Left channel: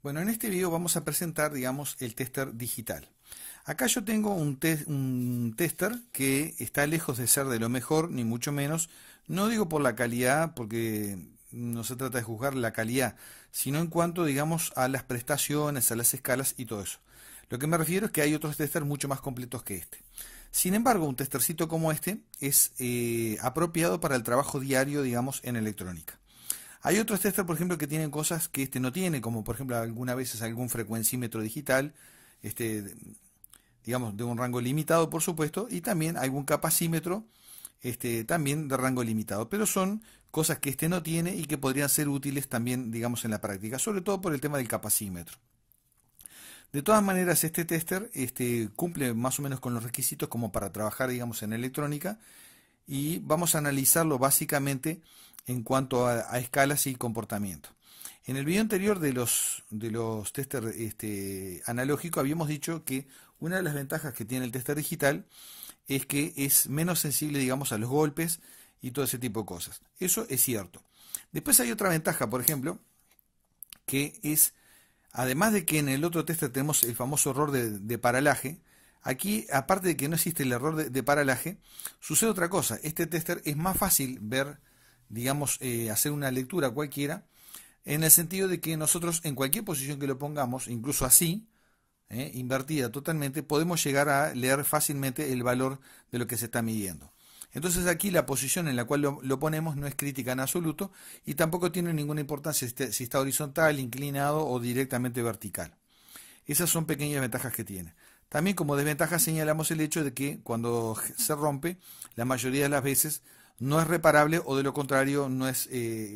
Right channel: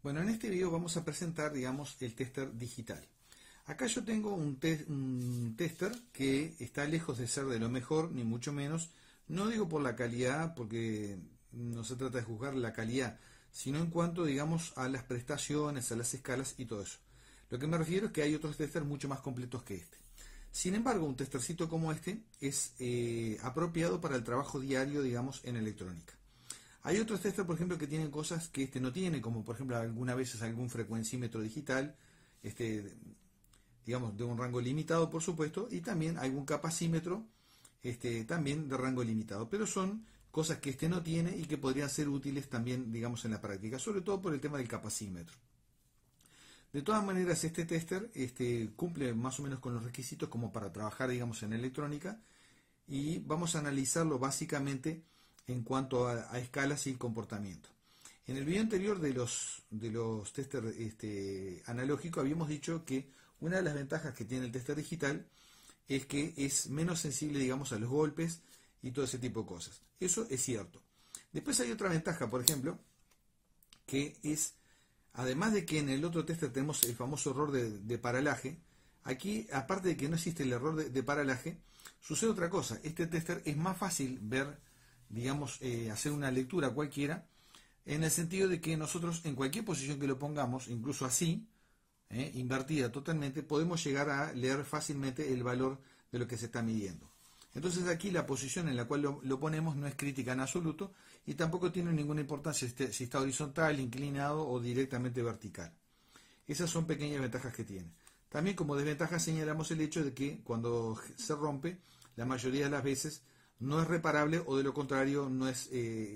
Bueno, en este video vamos a presentar, digamos, el tester digital. Acá yo tengo un tester que está lejos de ser de lo mejor, ni mucho menos. No digo por la calidad, porque no se trata de juzgar la calidad, sino en cuanto, digamos, a las prestaciones, a las escalas y todo eso. Lo que me refiero es que hay otros testers mucho más completos que este. Sin embargo, un testercito como este es apropiado para el trabajo diario, digamos, en electrónica. Hay otros testers, por ejemplo, que tienen cosas que este no tiene, como por ejemplo algunas veces algún frecuencímetro digital, este, digamos, de un rango limitado, por supuesto, y también algún capacímetro, también de rango limitado. Pero son cosas que este no tiene y que podrían ser útiles también, digamos, en la práctica, sobre todo por el tema del capacímetro. De todas maneras, este tester cumple más o menos con los requisitos como para trabajar, digamos, en electrónica, y vamos a analizarlo básicamente en cuanto a escalas y comportamiento. En el video anterior de los tester analógicos habíamos dicho que una de las ventajas que tiene el tester digital es que es menos sensible, digamos, a los golpes y todo ese tipo de cosas. Eso es cierto. Después hay otra ventaja, por ejemplo, que es, además de que en el otro tester tenemos el famoso error de paralaje, aquí, aparte de que no existe el error de paralaje, sucede otra cosa. Este tester es más fácil ver, digamos, hacer una lectura cualquiera, en el sentido de que nosotros en cualquier posición que lo pongamos, incluso así, invertida totalmente, podemos llegar a leer fácilmente el valor de lo que se está midiendo. Entonces aquí la posición en la cual lo ponemos no es crítica en absoluto y tampoco tiene ninguna importancia si está horizontal, inclinado o directamente vertical. Esas son pequeñas ventajas que tiene. También como desventaja señalamos el hecho de que cuando se rompe, la mayoría de las veces no es reparable o de lo contrario no es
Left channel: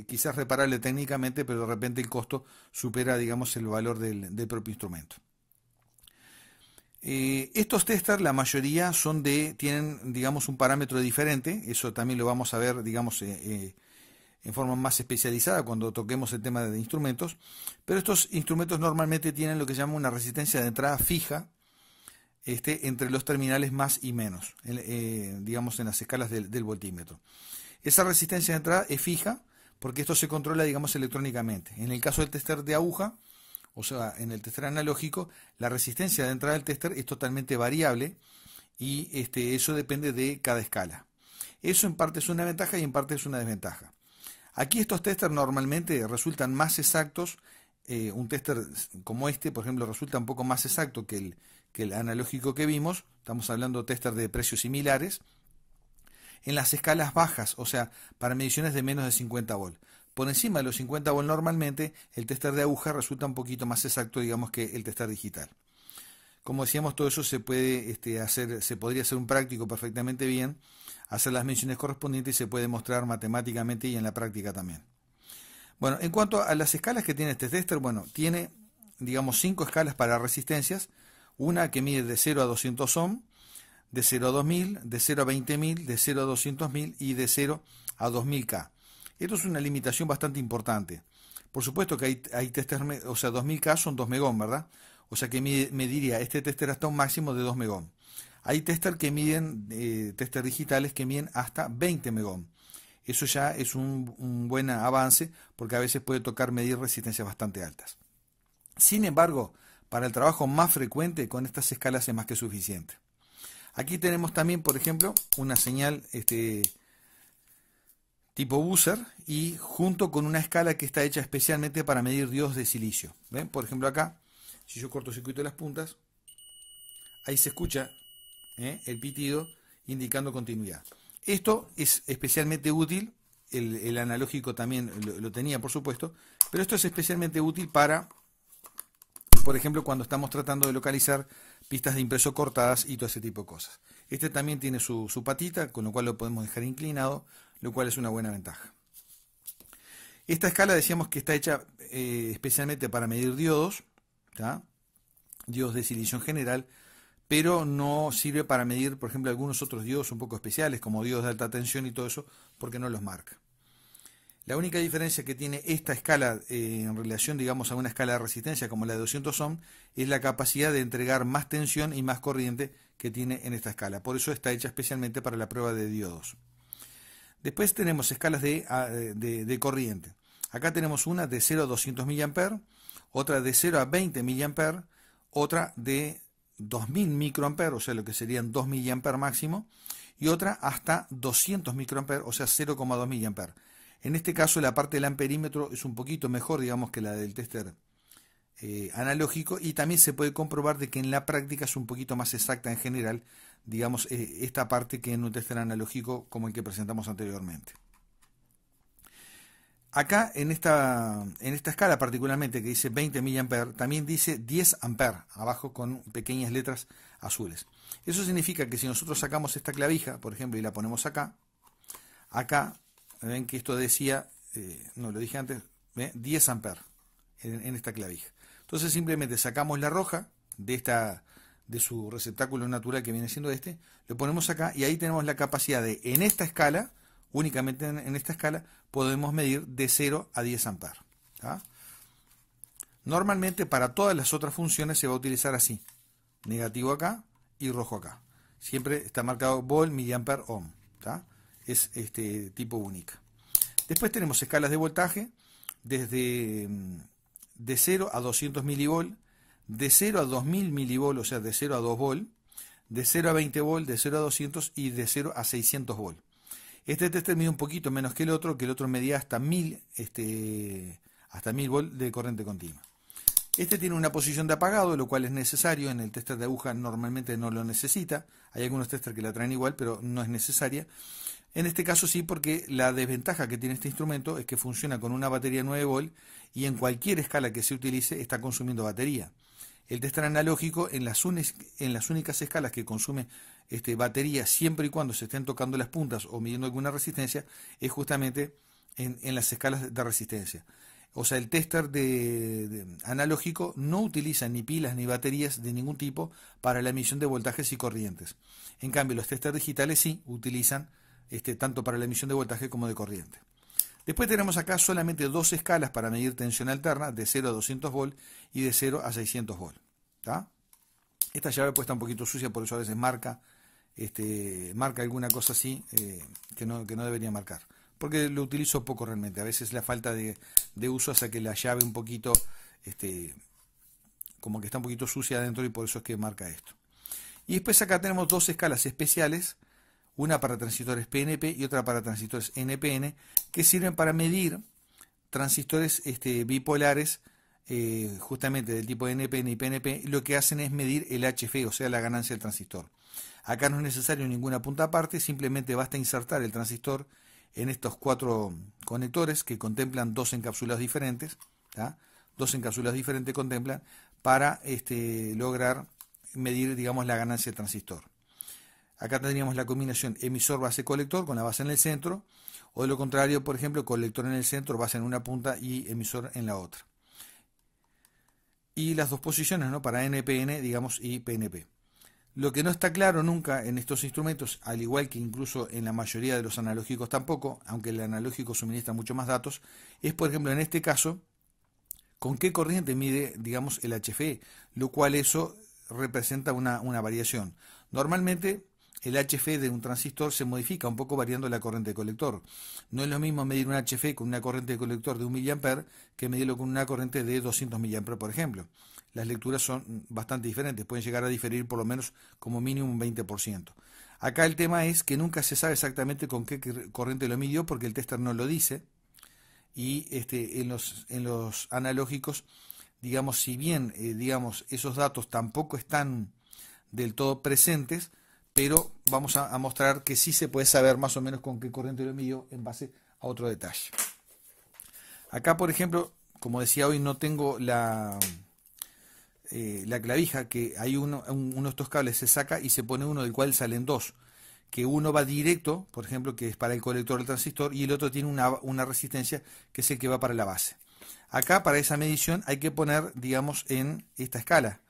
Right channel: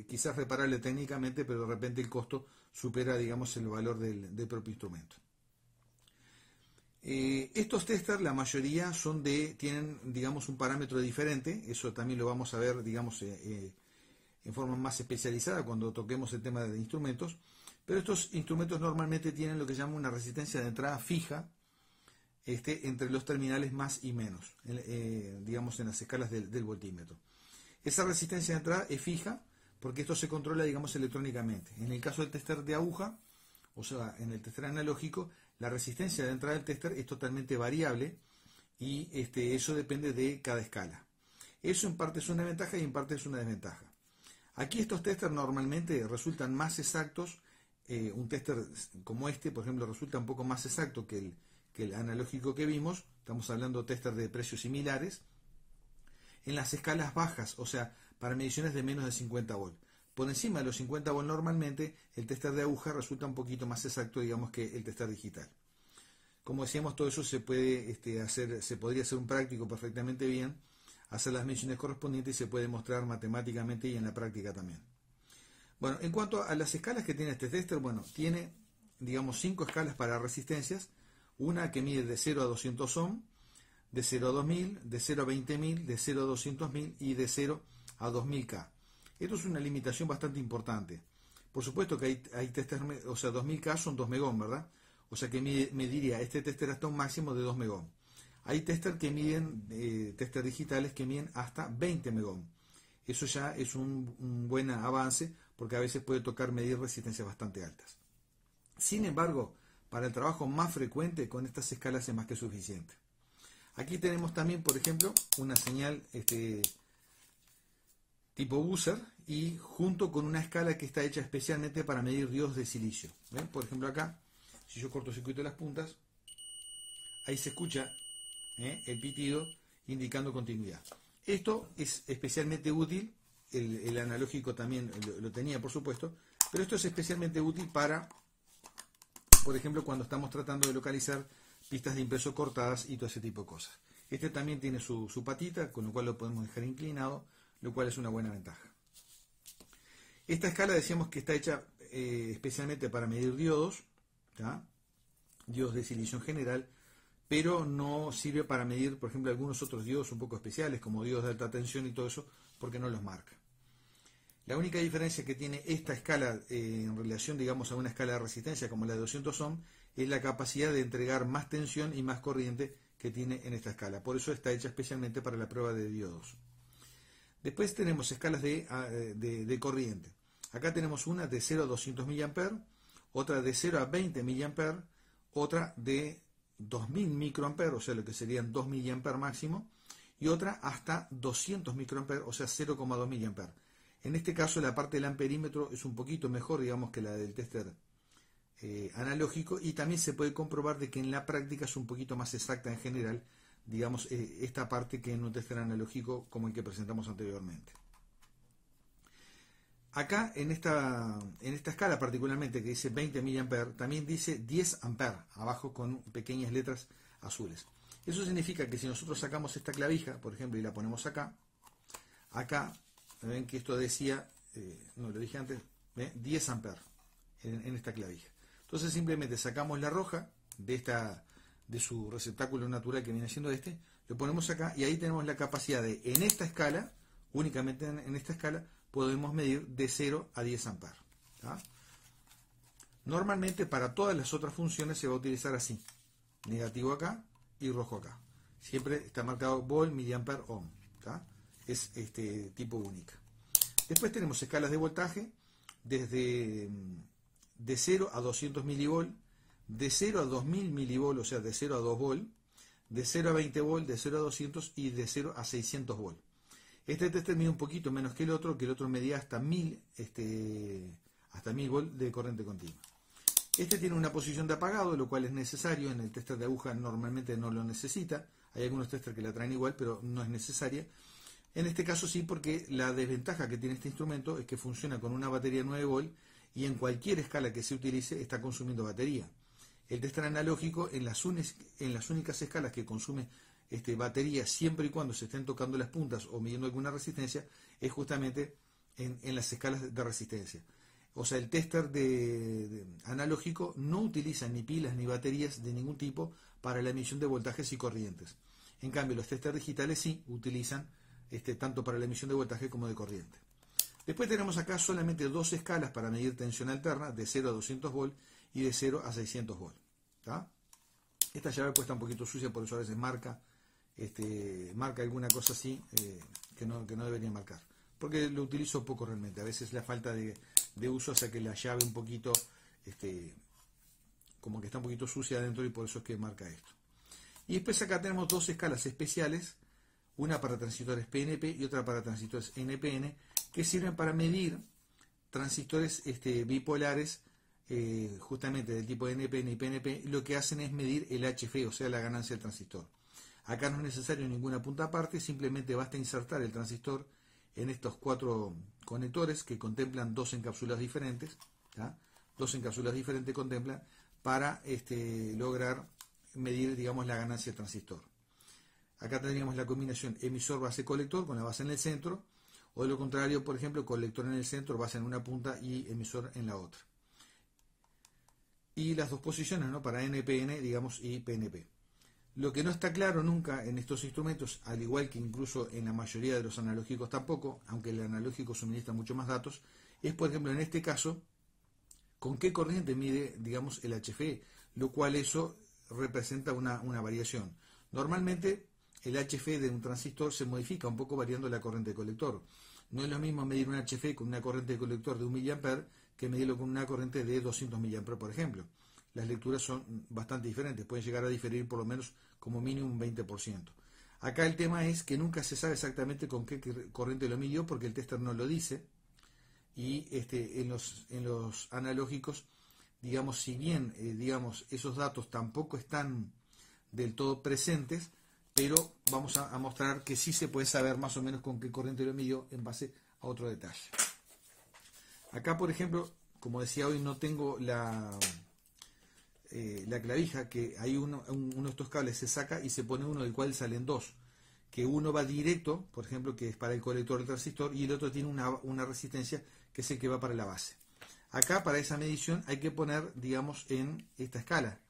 quizás reparable técnicamente, pero de repente el costo supera, digamos, el valor del propio instrumento. Estos testers, la mayoría tienen, digamos, un parámetro diferente. Eso también lo vamos a ver, digamos, en forma más especializada cuando toquemos el tema de instrumentos. Pero estos instrumentos normalmente tienen lo que se llama una resistencia de entrada fija, entre los terminales más y menos, digamos, en las escalas del voltímetro. Esa resistencia de entrada es fija porque esto se controla, digamos, electrónicamente. En el caso del tester de aguja, o sea, en el tester analógico, la resistencia de entrada del tester es totalmente variable y eso depende de cada escala. Eso en parte es una ventaja y en parte es una desventaja. Aquí estos testers normalmente resultan más exactos. Un tester como este, por ejemplo, resulta un poco más exacto que el analógico que vimos. Estamos hablando de testers de precios similares. En las escalas bajas, o sea, para mediciones de menos de 50 volt. Por encima de los 50 volt normalmente, el tester de aguja resulta un poquito más exacto, digamos, que el tester digital. Como decíamos, todo eso se puede se podría hacer un práctico perfectamente bien, hacer las mediciones correspondientes y se puede mostrar matemáticamente y en la práctica también. Bueno, en cuanto a las escalas que tiene este tester, bueno, tiene, digamos, 5 escalas para resistencias, una que mide de 0 a 200 ohm, de 0 a 2000, de 0 a 20.000, de 0 a 200.000 y de 0 a 2000K. Esto es una limitación bastante importante. Por supuesto que hay testers, o sea, 2000K son 2 megón, ¿verdad? O sea que mediría este tester hasta un máximo de 2 megón. Hay testers que miden, testers digitales que miden hasta 20 megón. Eso ya es un buen avance porque a veces puede tocar medir resistencias bastante altas. Sin embargo, para el trabajo más frecuente, con estas escalas es más que suficiente. Aquí tenemos también, por ejemplo, una señal tipo buzzer y junto con una escala que está hecha especialmente para medir diodos de silicio. ¿Ven? Por ejemplo acá, si yo cortocircuito las puntas, ahí se escucha el pitido indicando continuidad. Esto es especialmente útil, el analógico también lo tenía por supuesto, pero esto es especialmente útil para, por ejemplo, cuando estamos tratando de localizar pistas de impreso cortadas y todo ese tipo de cosas. Este también tiene su patita, con lo cual lo podemos dejar inclinado, lo cual es una buena ventaja. Esta escala decíamos que está hecha especialmente para medir diodos, ¿tá? Diodos de silicio en general, pero no sirve para medir, por ejemplo, algunos otros diodos un poco especiales, como diodos de alta tensión y todo eso, porque no los marca. La única diferencia que tiene esta escala en relación, digamos, a una escala de resistencia como la de 200 ohm es la capacidad de entregar más tensión y más corriente que tiene en esta escala. Por eso está hecha especialmente para la prueba de diodos. Después tenemos escalas de corriente. Acá tenemos una de 0 a 200 mA, otra de 0 a 20 mA, otra de 2000 microamperes, o sea, lo que serían 2 mA máximo, y otra hasta 200 microamperes, o sea, 0,2 mA. En este caso, la parte del amperímetro es un poquito mejor, digamos, que la del tester analógico, y también se puede comprobar de que en la práctica es un poquito más exacta en general, digamos, esta parte que en un tester analógico como el que presentamos anteriormente. Acá en esta escala particularmente que dice 20 mA, también dice 10 A abajo con pequeñas letras azules. Eso significa que si nosotros sacamos esta clavija, por ejemplo, y la ponemos acá, ven que esto decía, no lo dije antes, 10 A en esta clavija. Entonces simplemente sacamos la roja de su receptáculo natural que viene siendo este, lo ponemos acá y ahí tenemos la capacidad de, en esta escala, únicamente en esta escala, podemos medir de 0 a 10 amperes. Normalmente para todas las otras funciones se va a utilizar así, negativo acá y rojo acá. Siempre está marcado volt, miliampere, ohm. Es tipo única. Después tenemos escalas de voltaje desde de 0 a 200 milivolt, de 0 a 2000 milivolt, o sea, de 0 a 2 volt, de 0 a 20 volt, de 0 a 200 y de 0 a 600 volt. Este tester mide un poquito menos que el otro medía hasta 1000 volt de corriente continua. Este tiene una posición de apagado, lo cual es necesario. En el tester de aguja normalmente no lo necesita. Hay algunos testers que la traen igual, pero no es necesaria. En este caso sí, porque la desventaja que tiene este instrumento es que funciona con una batería 9 volt y en cualquier escala que se utilice está consumiendo batería. El tester analógico en las únicas escalas que consume batería siempre y cuando se estén tocando las puntas o midiendo alguna resistencia es justamente en las escalas de resistencia. O sea, el tester analógico no utiliza ni pilas ni baterías de ningún tipo para la emisión de voltajes y corrientes. En cambio, los testers digitales sí utilizan tanto para la emisión de voltaje como de corriente. Después tenemos acá solamente dos escalas para medir tensión alterna, de 0 a 200 volt y de 0 a 600 volt. Esta llave puesta un poquito sucia, por eso a veces marca alguna cosa así que no debería marcar. Porque lo utilizo poco realmente. A veces la falta de uso hace que la llave un poquito, como que está un poquito sucia adentro y por eso es que marca esto. Y después acá tenemos dos escalas especiales, una para transistores PNP y otra para transistores NPN, que sirven para medir transistores bipolares, justamente del tipo NPN y PNP. Lo que hacen es medir el HF, o sea, la ganancia del transistor. Acá no es necesario ninguna punta aparte, simplemente basta insertar el transistor en estos 4 conectores que contemplan dos encapsulados diferentes. Dos encapsulados diferentes contemplan para lograr medir, digamos, la ganancia del transistor. Acá tendríamos la combinación emisor-base-colector con la base en el centro, o de lo contrario, por ejemplo, colector en el centro, base en una punta y emisor en la otra. Y las dos posiciones, ¿no?, para NPN, digamos, y PNP. Lo que no está claro nunca en estos instrumentos, al igual que incluso en la mayoría de los analógicos tampoco, aunque el analógico suministra mucho más datos, es, por ejemplo, en este caso, con qué corriente mide, digamos, el HFE, lo cual eso representa una variación. Normalmente el HFE de un transistor se modifica un poco variando la corriente de colector. No es lo mismo medir un HFE con una corriente de colector de 1 mA que medirlo con una corriente de 200 mA, por ejemplo. Las lecturas son bastante diferentes, pueden llegar a diferir por lo menos como mínimo un 20%. Acá el tema es que nunca se sabe exactamente con qué corriente lo midió porque el tester no lo dice, y en los analógicos, digamos, si bien digamos, esos datos tampoco están del todo presentes, pero vamos a mostrar que sí se puede saber más o menos con qué corriente lo midió en base a otro detalle. Acá, por ejemplo, como decía hoy, no tengo la clavija, que hay uno de estos cables se saca y se pone uno del cual salen dos, que uno va directo, por ejemplo, que es para el colector del transistor, y el otro tiene una resistencia que es el que va para la base. Acá para esa medición hay que poner, digamos, en esta escala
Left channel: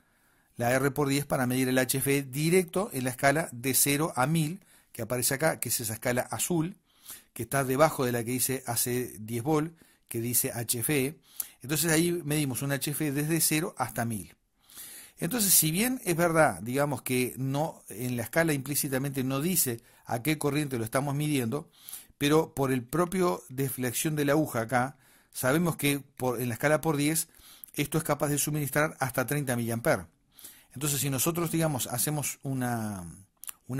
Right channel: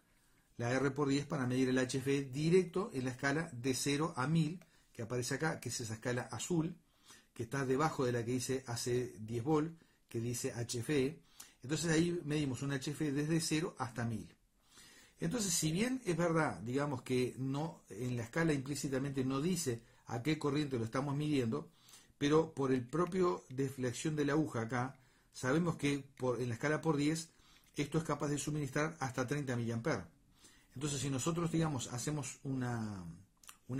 la R por 10 para medir el HFE directo en la escala de 0 a 1000, que aparece acá, que es esa escala azul, que está debajo de la que dice AC 10 volt, que dice HFE. Entonces ahí medimos un HFE desde 0 hasta 1000. Entonces, si bien es verdad, digamos que no, en la escala implícitamente no dice a qué corriente lo estamos midiendo, pero por el propio deflexión de la aguja acá, sabemos que en la escala por 10 esto es capaz de suministrar hasta 30 mA. Entonces, si nosotros, digamos, hacemos una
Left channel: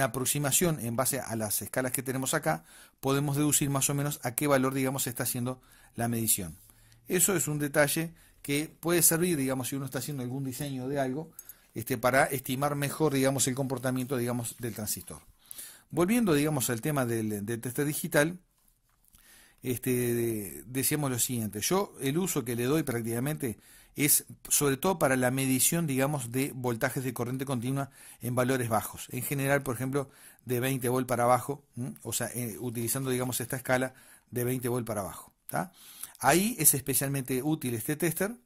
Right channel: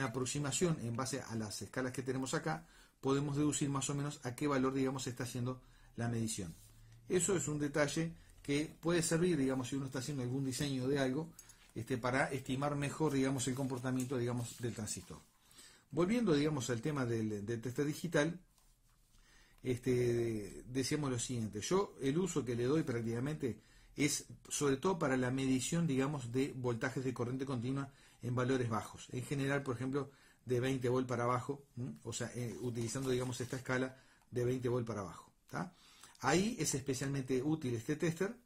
aproximación en base a las escalas que tenemos acá, podemos deducir más o menos a qué valor, digamos, se está haciendo la medición. Eso es un detalle que puede servir, digamos, si uno está haciendo algún diseño de algo, para estimar mejor, digamos, el comportamiento, digamos, del transistor. Volviendo, digamos, al tema del tester digital, decíamos lo siguiente. Yo el uso que le doy prácticamente es sobre todo para la medición, digamos, de voltajes de corriente continua en valores bajos. En general, por ejemplo, de 20 volt para abajo, o sea, utilizando, digamos, esta escala de 20 volt para abajo. ¿Tá? Ahí es especialmente útil este tester.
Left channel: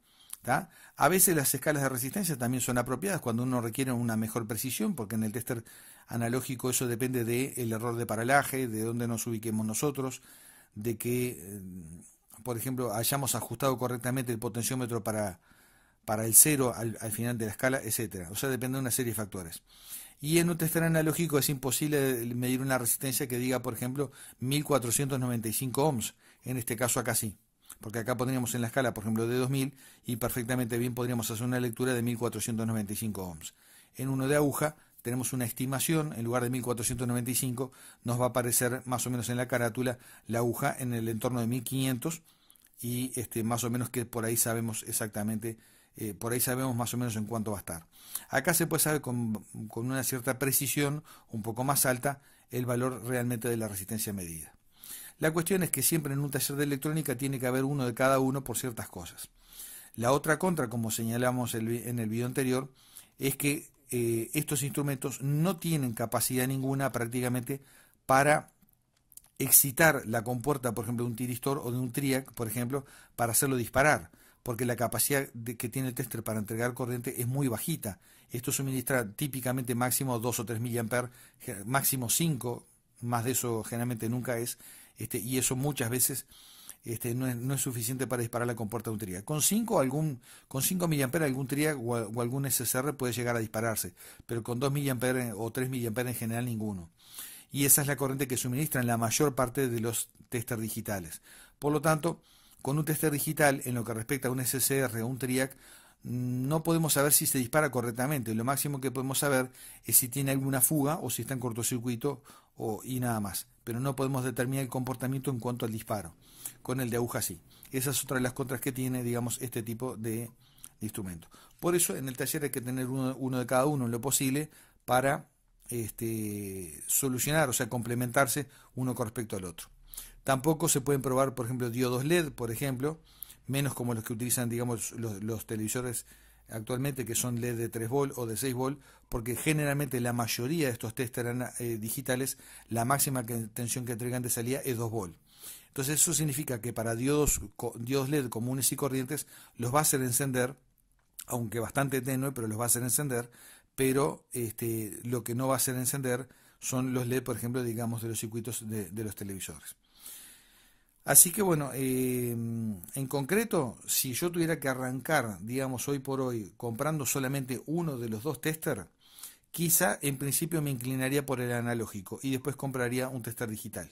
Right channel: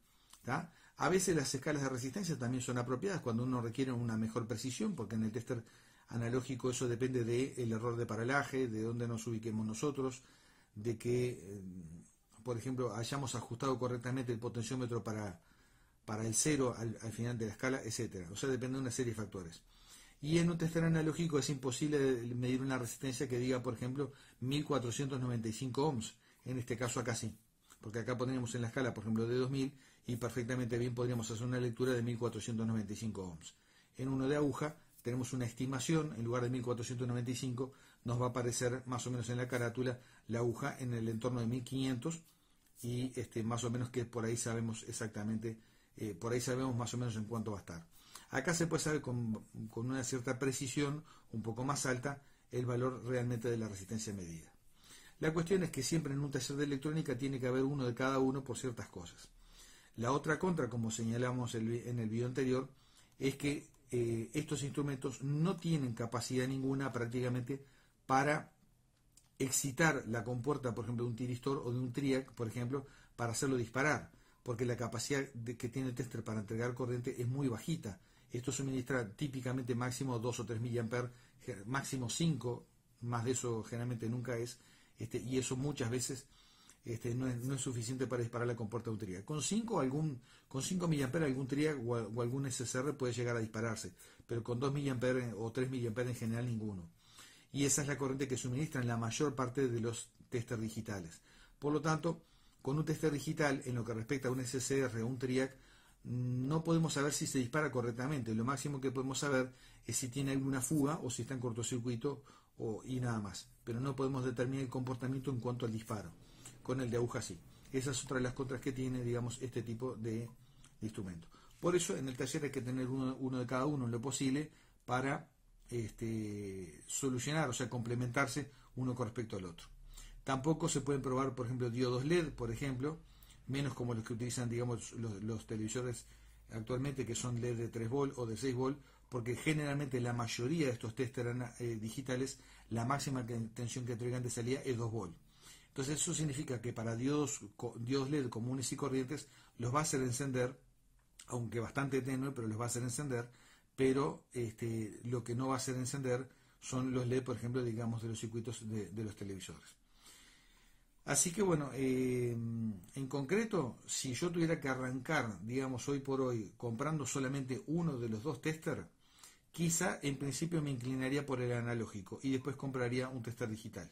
¿Tá? A veces las escalas de resistencia también son apropiadas cuando uno requiere una mejor precisión, porque en el tester analógico eso depende del error de paralaje, de dónde nos ubiquemos nosotros, de que, por ejemplo, hayamos ajustado correctamente el potenciómetro para el cero al final de la escala, etcétera. O sea, depende de una serie de factores. Y en un tester analógico es imposible medir una resistencia que diga, por ejemplo, 1495 ohms. En este caso acá sí. Porque acá pondríamos en la escala, por ejemplo, de 2000 y perfectamente bien podríamos hacer una lectura de 1495 ohms. En uno de aguja tenemos una estimación, en lugar de 1495 nos va a aparecer más o menos en la carátula la aguja en el entorno de 1500 y más o menos que por ahí sabemos exactamente, por ahí sabemos más o menos en cuánto va a estar. Acá se puede saber con una cierta precisión, un poco más alta, el valor realmente de la resistencia medida. La cuestión es que siempre en un taller de electrónica tiene que haber uno de cada uno por ciertas cosas. La otra contra, como señalamos en el video anterior, es que estos instrumentos no tienen capacidad ninguna prácticamente para excitar la compuerta, por ejemplo, de un tiristor o de un TRIAC, por ejemplo, para hacerlo disparar, porque la capacidad que tiene el tester para entregar corriente es muy bajita. Esto suministra típicamente máximo 2 o 3 mA, máximo 5, más de eso generalmente nunca es, y eso muchas veces no es suficiente para disparar la compuerta de un TRIAC. Con 5 mA algún TRIAC o algún SSR puede llegar a dispararse, pero con 2 mA o 3 mA en general ninguno. Y esa es la corriente que suministran la mayor parte de los testers digitales. Por lo tanto, con un tester digital, en lo que respecta a un SSR o un TRIAC, no podemos saber si se dispara correctamente. Lo máximo que podemos saber es si tiene alguna fuga o si está en cortocircuito y nada más. Pero no podemos determinar el comportamiento en cuanto al disparo. Con el de aguja sí. Esa es otra de las contras que tiene, digamos, este tipo de instrumento. Por eso en el taller hay que tener uno de cada uno en lo posible para solucionar, o sea, complementarse uno con respecto al otro. Tampoco se pueden probar, por ejemplo, diodos LED, por ejemplo, menos como los que utilizan, digamos, los televisores actualmente, que son LED de 3 volt o de 6 volt, porque generalmente la mayoría de estos testers digitales, la máxima tensión que entregan de salida es 2 volt. Entonces eso significa que para diodos LED comunes y corrientes los va a hacer encender, aunque bastante tenue, pero los va a hacer encender, pero lo que no va a hacer encender son los LED, por ejemplo, digamos, de los circuitos de los televisores. Así que bueno, en concreto, si yo tuviera que arrancar, digamos, hoy por hoy, comprando solamente uno de los dos testers, quizá en principio me inclinaría por el analógico y después compraría un tester digital.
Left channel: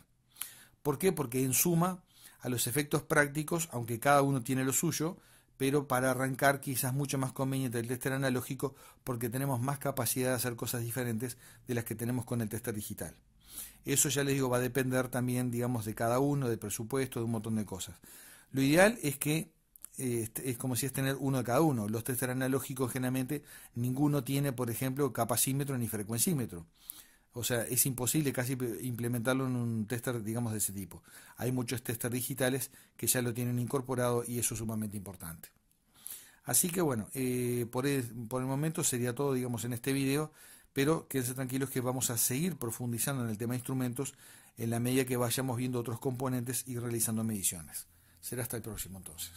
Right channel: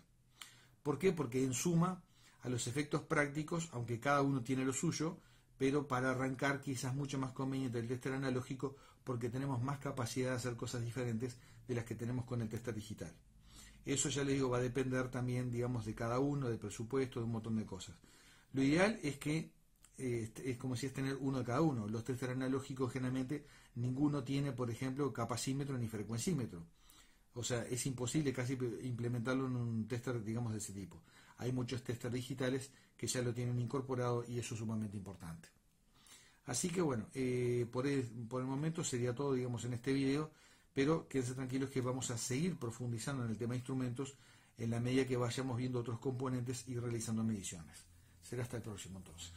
¿Por qué? Porque en suma, a los efectos prácticos, aunque cada uno tiene lo suyo, pero para arrancar quizás mucho más conveniente el tester analógico porque tenemos más capacidad de hacer cosas diferentes de las que tenemos con el tester digital. Eso ya les digo, va a depender también, digamos, de cada uno, del presupuesto, de un montón de cosas. Lo ideal es que es como si es tener uno de cada uno. Los testers analógicos generalmente ninguno tiene, por ejemplo, capacímetro ni frecuencímetro. O sea, es imposible casi implementarlo en un tester, digamos, de ese tipo. Hay muchos testers digitales que ya lo tienen incorporado y eso es sumamente importante. Así que bueno, por el momento sería todo, digamos, en este video, pero quédense tranquilos que vamos a seguir profundizando en el tema de instrumentos en la medida que vayamos viendo otros componentes y realizando mediciones. Será hasta el próximo entonces.